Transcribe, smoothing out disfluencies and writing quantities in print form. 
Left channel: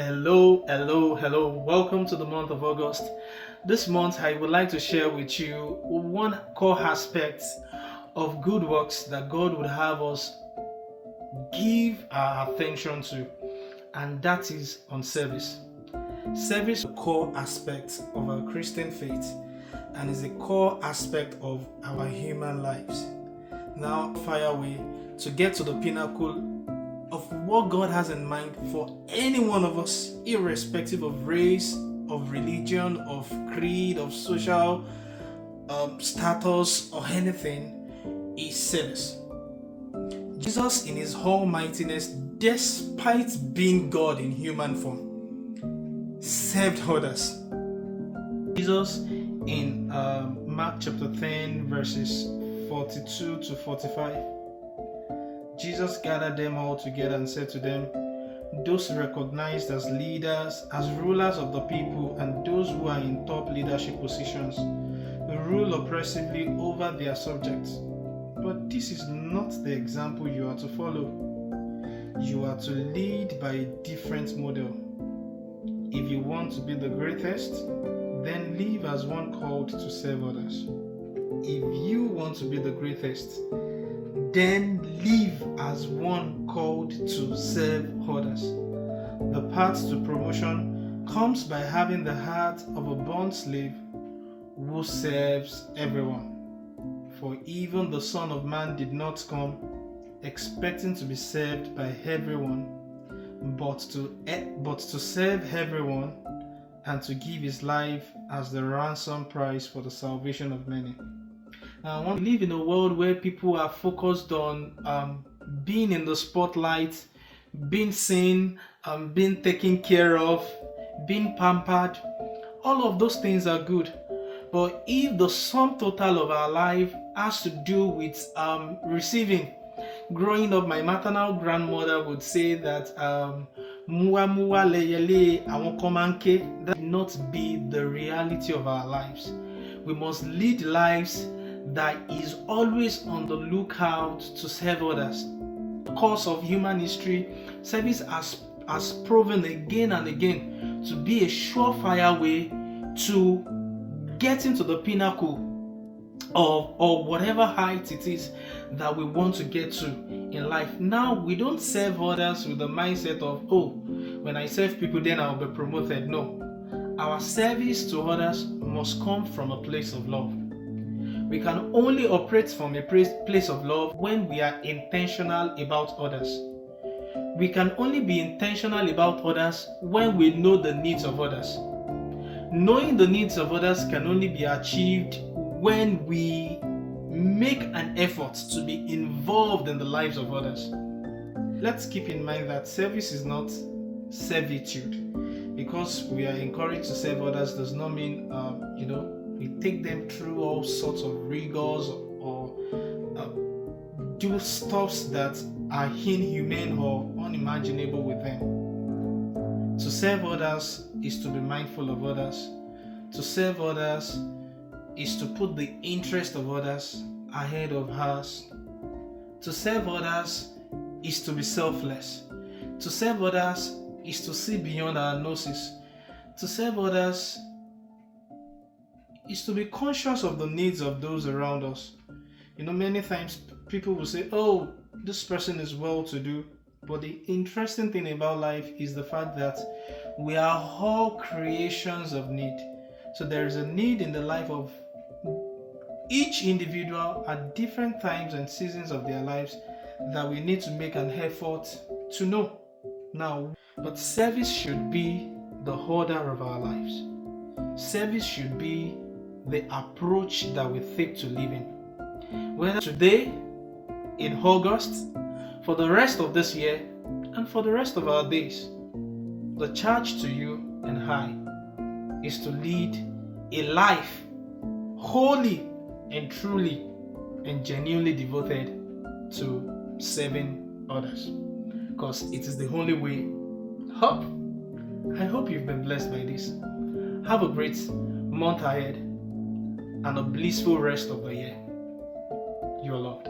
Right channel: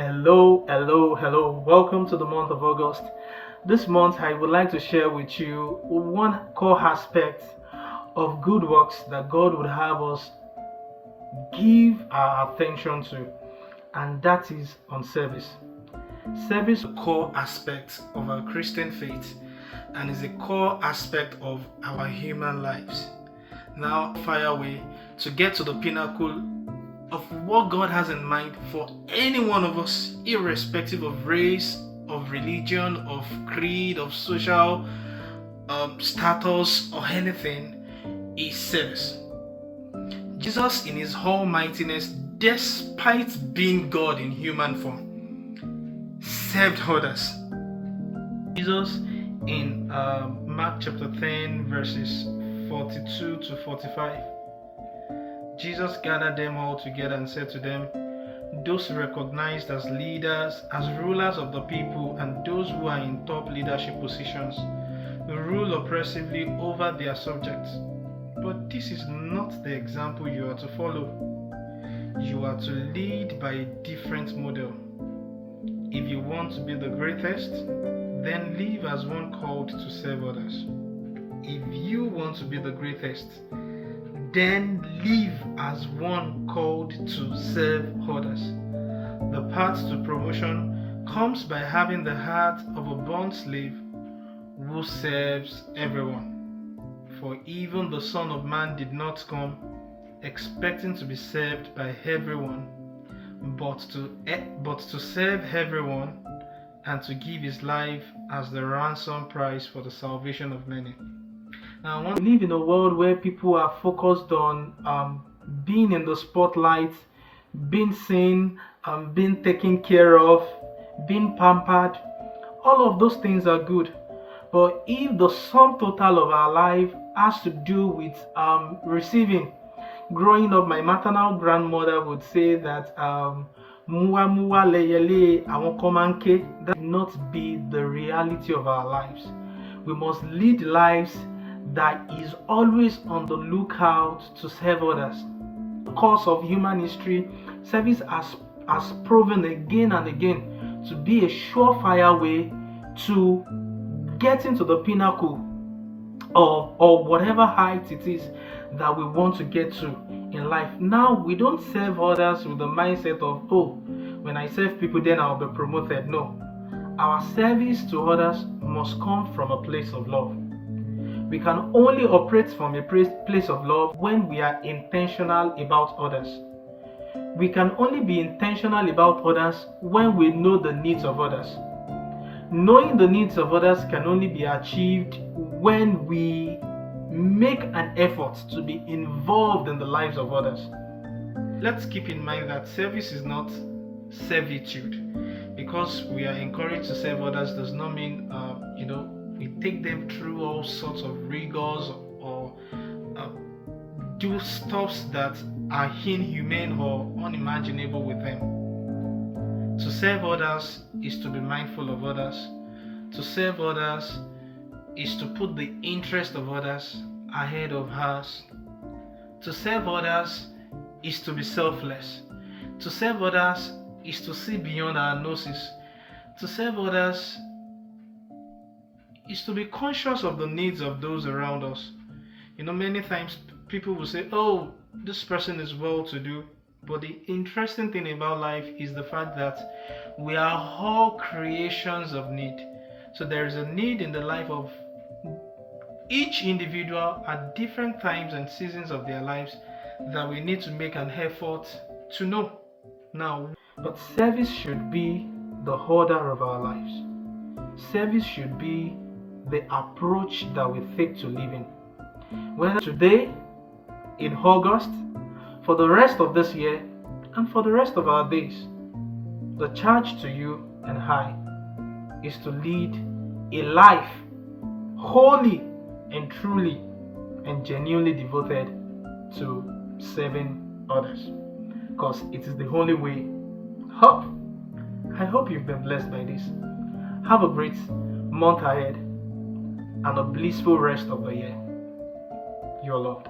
Hello. Welcome to the month of August. This month, I would like to share with you one core aspect of good works that God would have us give our attention to, and that is on service. Service is a core aspect of our Christian faith and is a core aspect of our human lives. Now, fire away to get to the pinnacle of what God has in mind for any one of us, irrespective of race, of religion, of creed, of social status, or anything, is service. Jesus, in his almightiness, despite being God in human form, served others. Jesus, in Mark chapter 10, verses 42 to 45, Jesus gathered them all together and said to them, those recognized as leaders, as rulers of the people, and those who are in top leadership positions, rule oppressively over their subjects. But this is not the example you are to follow. You are to lead by a different model. If you want to be the greatest, then live as one called to serve others. If you want to be the greatest, then live as one called to serve others. The path to promotion comes by having the heart of a bond slave who serves everyone. For even the Son of Man did not come expecting to be served by everyone, but to serve everyone and to give his life as the ransom price for the salvation of many. Now, I want to live in a world where people are focused on being in the spotlight, being seen, being taken care of, being pampered. All of those things are good. But if the sum total of our life has to do with receiving, growing up, my maternal grandmother would say that muwa muwa leyele awon komanke. That will not be the reality of our lives. We must lead lives that is always on the lookout to serve others. In the course of human history, service has proven again and again to be a surefire way to getting to the pinnacle of whatever height it is that we want to get to in life. Now, we don't serve others with the mindset of, oh, when I serve people, then I'll be promoted. No. Our service to others must come from a place of love. We can only operate from a place of love when we are intentional about others. We can only be intentional about others when we know the needs of others. Knowing the needs of others can only be achieved when we make an effort to be involved in the lives of others. Let's keep in mind that service is not servitude. Because we are encouraged to serve others does not mean, we take them through all sorts of rigors or do stuffs that are inhumane or unimaginable with them. To serve others is to be mindful of others. To serve others is to put the interest of others ahead of ours. To serve others is to be selfless. To serve others is to see beyond our noses. To serve others is to be conscious of the needs of those around us. Many times people will say, oh, this person is well-to-do. But the interesting thing about life is the fact that we are all creations of need. So there is a need in the life of each individual at different times and seasons of their lives that we need to make an effort to know. Now, but service should be the order of our lives. Service should be the approach that we take to living. Whether today, in August, for the rest of this year, and for the rest of our days, the charge to you and I is to lead a life wholly and truly and genuinely devoted to serving others. Because it is the only way. I hope you've been blessed by this. Have a great month ahead and a blissful rest of the year. You are loved.